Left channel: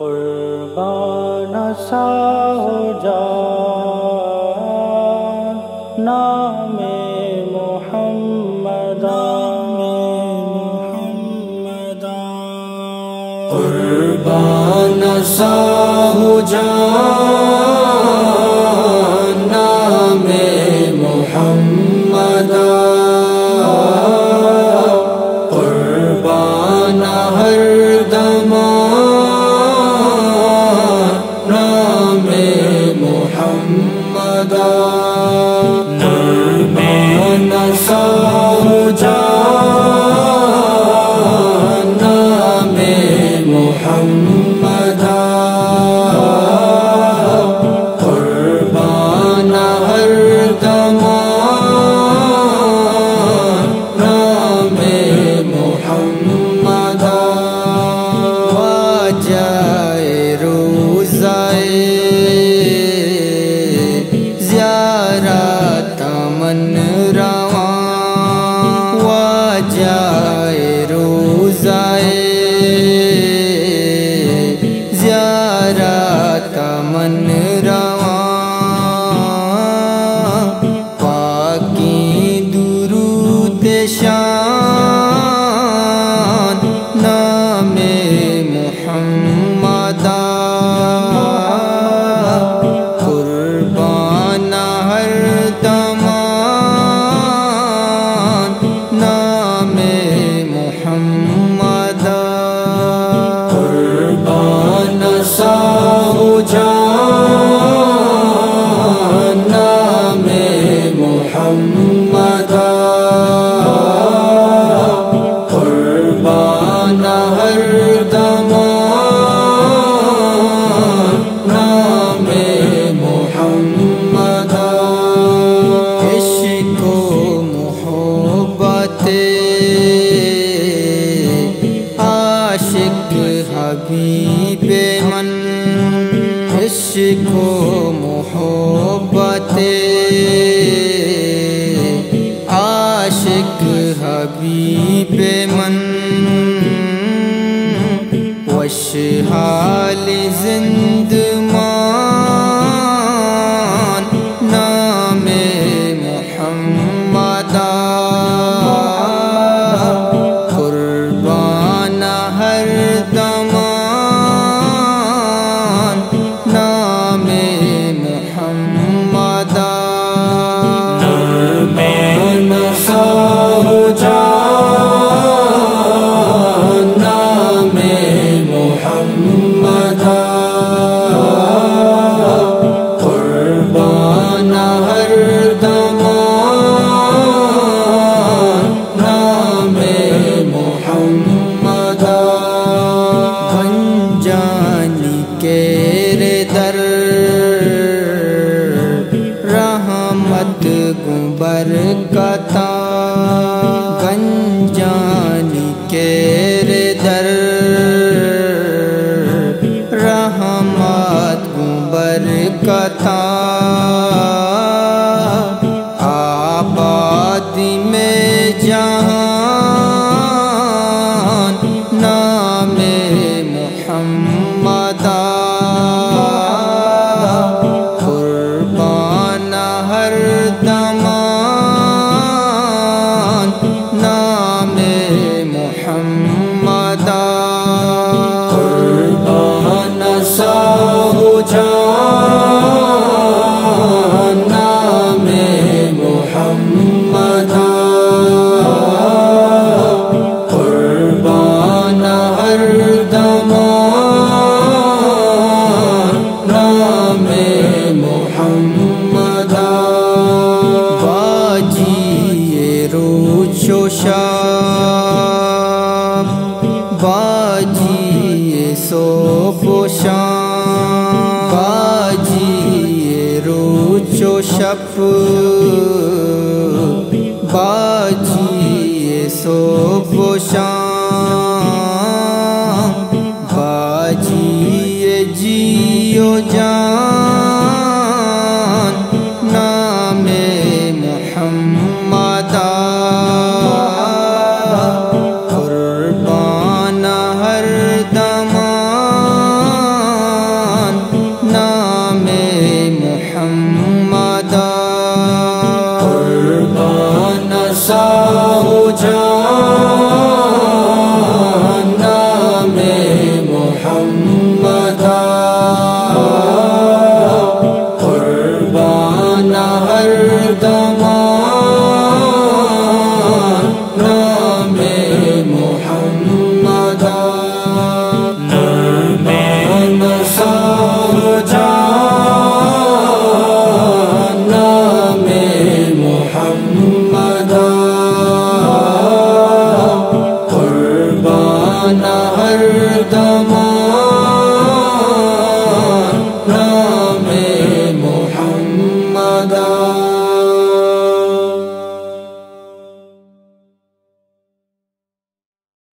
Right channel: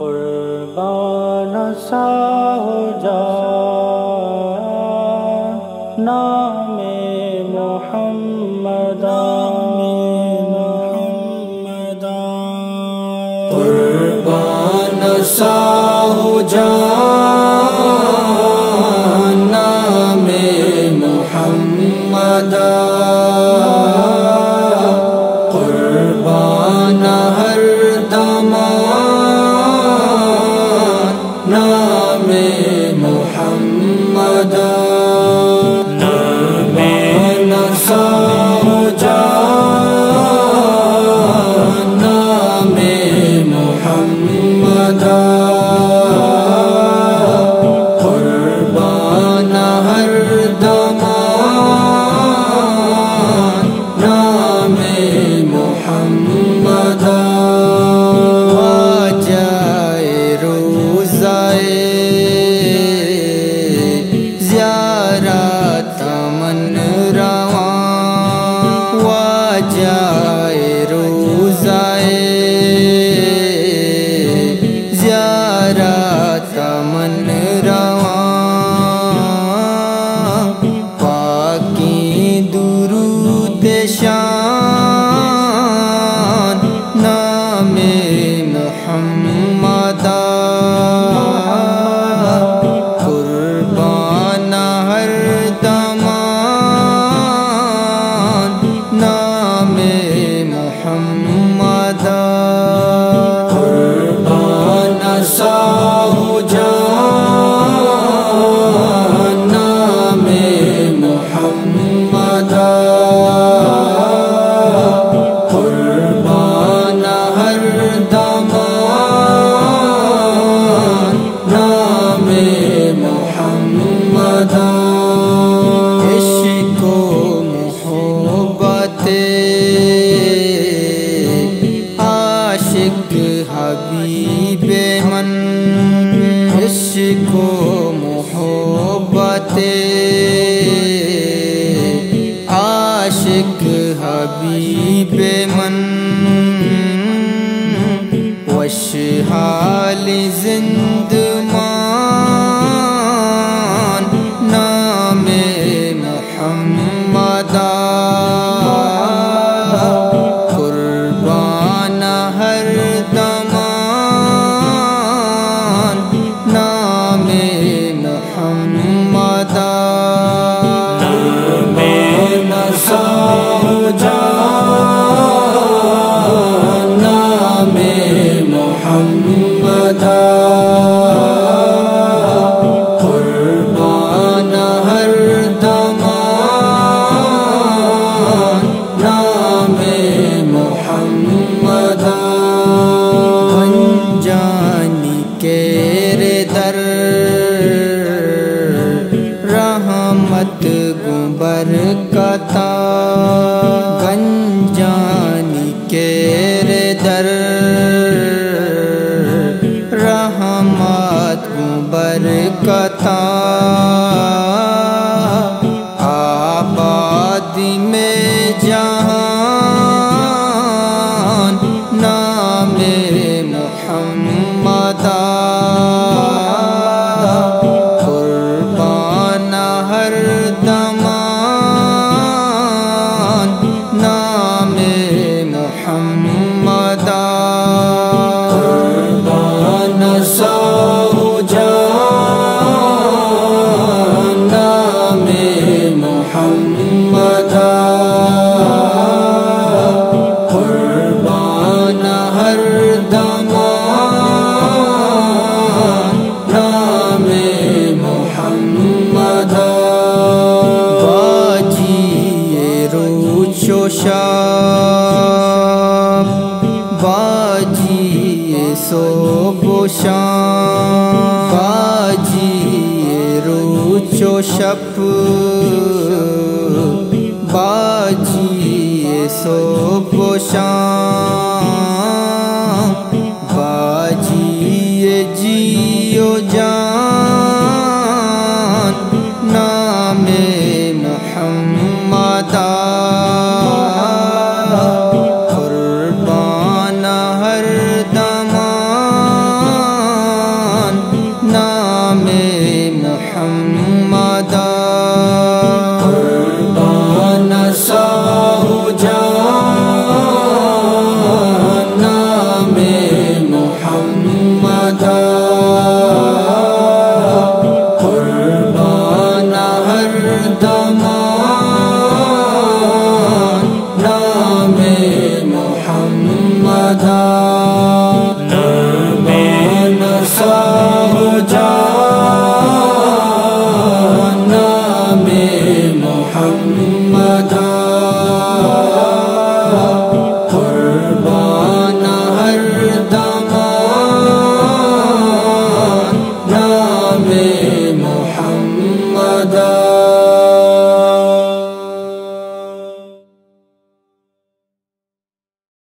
قربان سا ہو جا نام محمد، قربان سا ہو جا نام محمد، قربان ہر دم نام محمد، قربان سا ہو جا نام محمد، قربان ہر دم نام محمد، واجائے روزائے زیارت من رواں، واجائے روزائے زیارت من رواں، پاکی درود شان نام محمد، قربان ہر دم نام محمد، قربان سا ہو جا نام محمد، قربان ہر دم نام محمد، عشق و محبت عاشق حبیب من، عشق و محبت عاشق حبیب من، وشحال زندمان نام محمد، قربان ہر دم نام محمد، قربان سا ہو جا نام محمد، قربان ہر دم نام محمد، گنجانی کیرے در رحمت گو برکتا، گنجانی کیرے در رحمت گو برکتا، آبادی میں جہان نام محمد، قربان ہر دم نام محمد، قربان سا ہو جا نام محمد، قربان ہر دم نام محمد، باجی روز و شب باجی صبح و شام، باجی روز و شب باجی صبح و شام، باجی جی و